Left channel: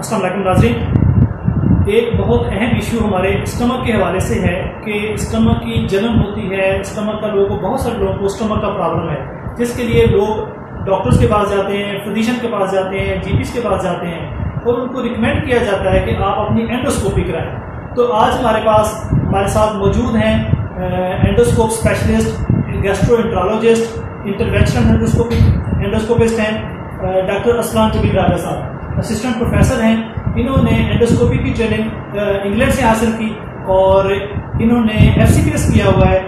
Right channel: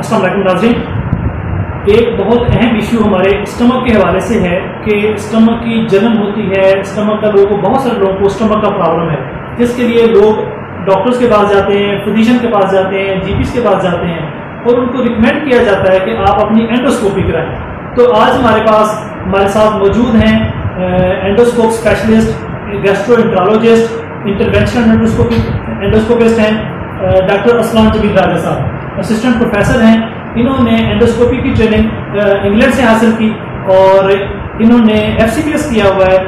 अस्सलाम वालेकुम नाज़रीन, एक बहुत अहम इशू हमारे स्टमक के हवाले से है कि स्टमक की जलन होती है। स्टमक का लोगों को, बहुत सारे लोगों को स्टमक का प्रॉब्लम है, जिसके लिए लोग डॉक्टर्स के पास जाते हैं, फिजिशियन के पास जाते हैं, जीपीस के पास जाते हैं और उनको रिकमेंड किया जाता है कि आप अपनी एंडोस्कोपी कराएं। तो आज हमारे साथ मौजूद हैं endoscope specialist, gastroenterologist, interventional endoscopist हैं डॉक्टर असलान जबीर राजा साहब। असिस्टेंट प्रोफेसर हैं, इन्होंने एंडोस्कोपी की ट्रेनिंग इंग्लैंड से हासिल की और इन्होंने FCPS किया हुआ है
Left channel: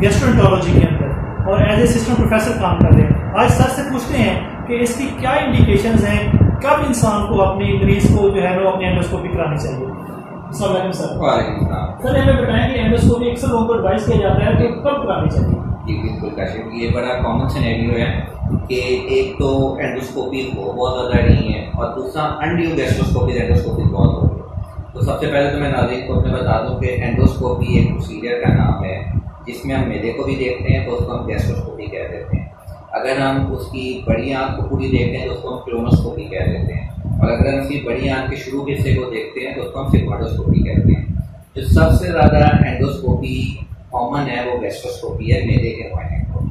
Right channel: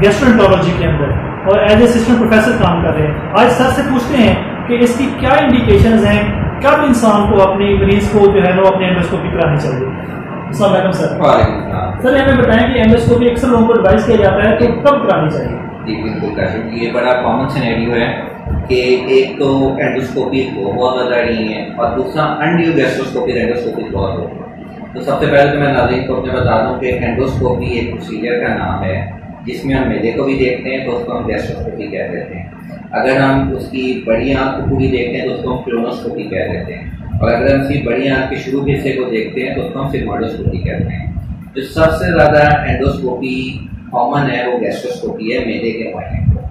गैस्ट्रोएंट्रोलॉजी के अंदर और एज असिस्टेंट प्रोफेसर काम कर रहे हैं। आज सर से पूछते हैं कि इसकी क्या इंडिकेशंस हैं, कब इंसान को अपने मरीज को जो है वो अपने एंडोस्कोपी करानी चाहिए। अस्सलाम वालेकुम सर। सर हमें बताएं कि एंडोस्कोपी अक्सर लोगों को एडवाइस किया जाता है तो कब करानी चाहिए? जी बिल्कुल काशिफ, ये बड़ा कॉमन सिनेरियो है कि एक तो एंडोस्कोपी बहुत ज़्यादा नहीं है और दूसरा अनड्यू गैस्ट्रोस्कोपी एंडोस्कोपी बहुत हो। तो सबसे पहले तो मैं नाज़रीन को अपने बता दूं कि एंडोस्कोपी एक प्रोसीजर का नाम है जिसमें हम मैदे को भी देखते हैं तो उसको हम गैस्ट्रोस्कोपी कह देते हैं। अगर हम उसकी बड़ी आँख को पूरी देखते हैं तो उसको हम क्लोनोस्कोपी कह देते हैं और अगर हम उसकी बड़ी आँख के शुरू हिस्से को देखते हैं तो उसको हम सिग्मोइडोस्कोपी कहते हैं। जो सबसे ज़्यादा एंडोस्कोपी कॉमन है वो गैस्ट्रोस्कोपी है, मैदे के मुआयने को,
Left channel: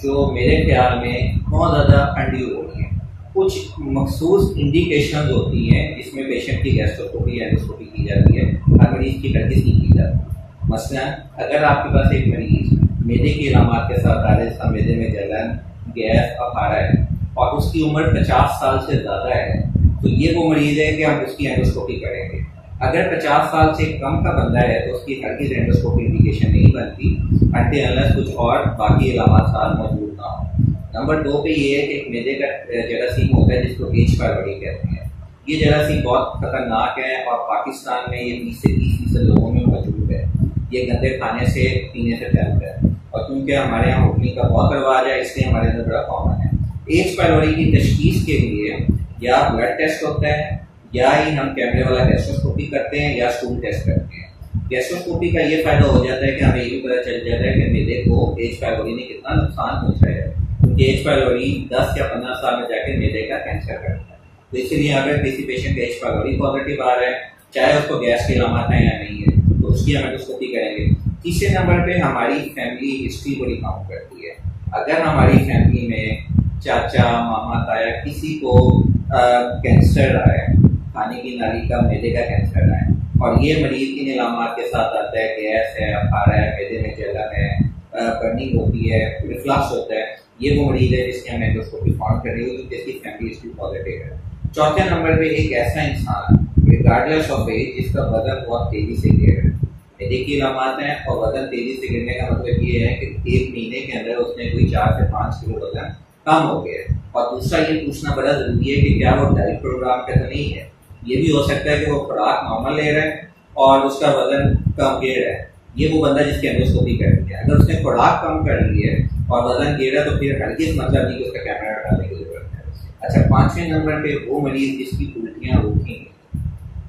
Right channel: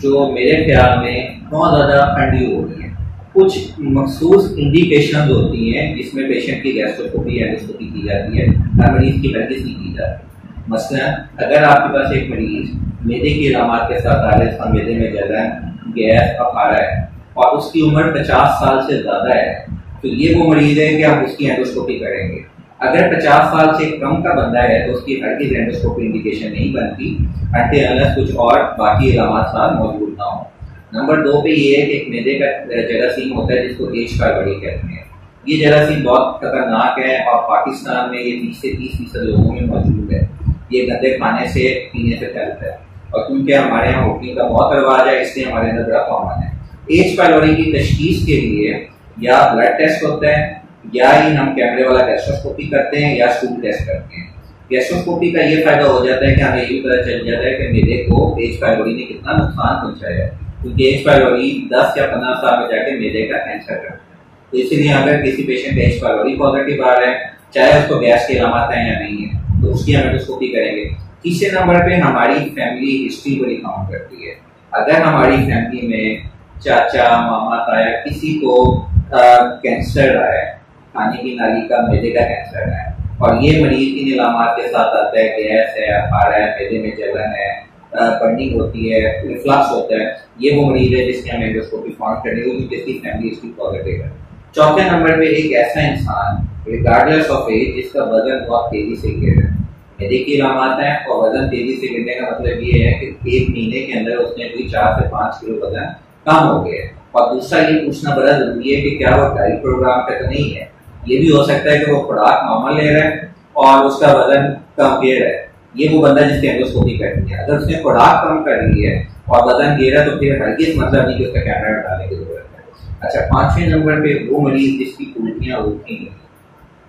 जो मेरे ख्याल में बहुत ज़्यादा अनड्यू हो रही है। कुछ मखसूस इंडिकेशन होती हैं जिसमें पेशेंट की गैस्ट्रोस्कोपी एंडोस्कोपी की जाती है, हर मरीज की हरगिज़ नहीं की जाती। मसलन अगर आपके पास एक मरीज मैदे की अलामात के साथ आ रहा है, जिसका मैदे में जलन, गैस, अफारा है और उसकी उम्र 50 साल से ज़्यादा है, तो ये वो मरीज है कि हम उसकी एंडोस्कोपी करेंगे। अगर 50 साल से कम का बंदा है तो उसकी हरगिज़ एंडोस्कोपी इंडिकेशन नहीं बनती अनटिल अनलेस कुछ और बाकी अलामात साथ मौजूद ना हो। नंबर 2 पे ये है कि एक मैदे का जरासीम होता है जिसको H. pylori कहते हैं। ये जरासीम बहुत खतरनाक है और पाकिस्तान में ये 20 से 30% लोगों में मौजूद है। ये गंदे खाने से, पीने से फैलता है और क्योंकि हमारे यहाँ होटलिंग का बहुत रिवाज है इसलिए हमारे अंदर बड़ा कॉमन है। H. pylori की तशखीस के लिए या ब्लड टेस्ट होता है या ही हम कैमरे वाला गैस्ट्रोस्कोपी करते हैं या स्टूल टेस्ट करते हैं। गैस्ट्रोस्कोपी का ये फायदा हो जाता है कि हमें ये भी पता चल जाता है कि मैदे को H. pylori ने कितना नुकसान पहुंचाया है, क्योंकि H. pylori 10 या 15 साल में जाके मैदे का कैंसर करता है। तो इसीलिए अगर किसी पेशेंट का H. pylori पॉजिटिव आ रहा है, चाहे उसको गैस की अलामत है या नहीं है, तो उसकी हम एंडोस्कोपी करेंगे। तीसरे नंबर पे हमारी फैमिली हिस्ट्री बड़ी काउंट करती है। अगर हमारी फैमिली में चाचा, मामा, ताया किसी को कैंसर आया है, खाने की नाली का, मैदे का कैंसर है और ये मरीज इन इलामात के साथ आता है, गैस है, अफारा है, मैदे में जलन है, बर्निंग होती है, रिफ्लक्स होता है, ये वो मरीज है जिसकी हम एंडोस्कोपी फाउंड करनी होगी जिसकी फैमिली हिस्ट्री पॉजिटिव है। चौथे नंबर पे एक ऐसा इंसान रिगार्डलेस ऑफ एज जिसका वजन बहुत तेजी से गिर रहा है, मैदे की इलामात है और वजन तेजी से गिरने का मतलब ये है कि 1 महीने के अंदर उसने कोई 4 से 5 किलो वजन कम हो गया है। और दूसरा ये पूछना बड़ा जरूरी है कि क्या वो डाइट प्रोग्राम पे तो नहीं है। ये भी हो सकता है कि वो खुराक नॉर्मल ले रहा है और उसका वजन कम गिर रहा है, ये वो बंदा जिसकी एंडोस्कोपी करनी है। अगर उसने खुराक कम कर ली है और वजन गिर रहा है तो फिर हरगिज़ मतलब नहीं कि उसका कैमरा डालने की जरूरत है। अच्छा, 5वें नंबर पे वो मरीज जिसकी उल्टियाँ होती हैं।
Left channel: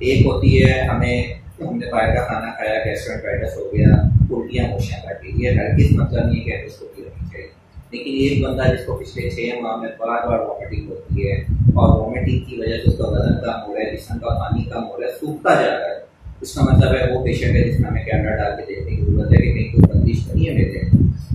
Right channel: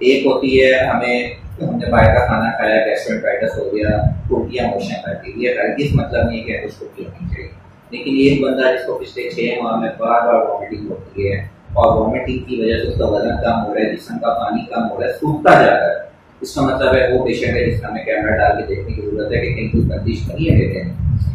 एक होती है हमने बाहर का खाना खाया, गैस्ट्रोएंटेराइटिस हो गया, उल्टियाँ मोशन कर दी, ये हरगिज़ मतलब नहीं कि एंडोस्कोपी होनी चाहिए। लेकिन एक बंदा जिसको पिछले 6 माह में बार बार वॉमिटिंग होती है और वॉमिटिंग की वजह से उसका वजन कम हो रहा है, जिस्म का पानी कम हो रहा है, सूखता जा रहा है, इसका मतलब है वो पेशेंट है जिसमें हमें कैमरा डाल के देखने की जरूरत है कि कहीं कोई बंदिश नहीं है मेरे।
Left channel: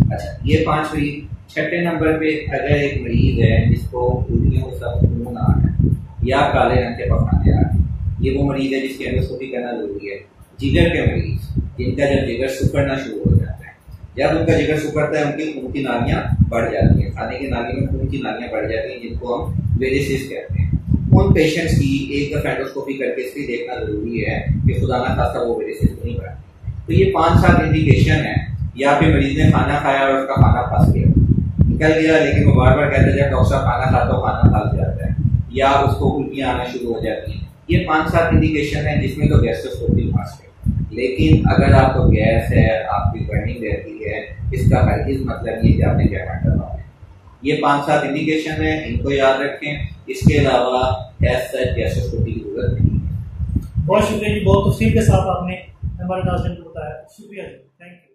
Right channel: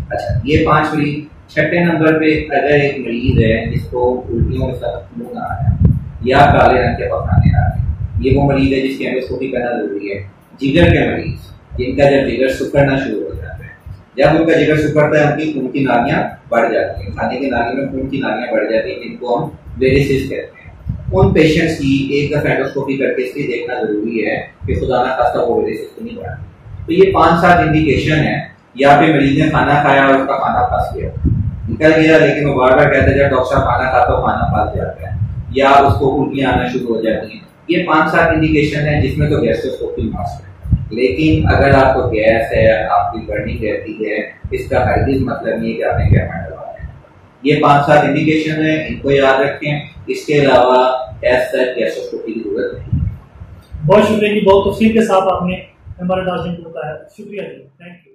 अच्छा, ये 5 मरीज। 6ठे नंबर पे अगर एक मरीज है जिसको उल्टियों के साथ खून आ रहा है या काले रंग के पखाने आ रहे हैं, ये वो मरीज है जिसकी एंडोस्कोपी करना जरूरी है। जिगर के मरीज जिनका जब जिगर सुकड़ना शुरू हो जाता है, जब उनका जिगर सुकड़ता है उनकी खून की नालियाँ बढ़ जाती हैं, खाने की नाली में खून की नालियाँ बढ़ जाती हैं जिनको हम वेरिसिस कहते हैं। उन पेशेंट्स की एक दफा एंडोस्कोपी करके इसलिए देखना जरूरी है कि खुदा ना खास्ता वो वेरिसिस तो नहीं बढ़ा। तो ये 5-7 इंडिकेशन है। या फिर मरीज ने खाना खाया और उसका खाना फंस गया, निकल गया, लेकिन वो बार बार कहते हैं जब डॉक्टर साहब खाना खाता हो खाना फंस जाता है या उसको उल्टियाँ आना शुरू हो जाती हैं। ये 5-7 इंडिकेशन है जिसमें तो गैस्ट्रोस्कोपी मस्ट है। लेकिन अगर आपको गैस है, आपकी बर्निंग रहती है, इसका हरगिज़ मतलब नहीं है कि आपने कैमरा डलवाना है। ये 5-7 इंडिकेशन है, इनको याद रखें। इसके अलावा गैस्ट्रोस्कोपी की जरूरत नहीं है। बहुत शुक्रिया जी, बहुत तफसील के साथ आपने हमारे नाज़रीन को बताया। शुक्रिया जी, थैंक यू।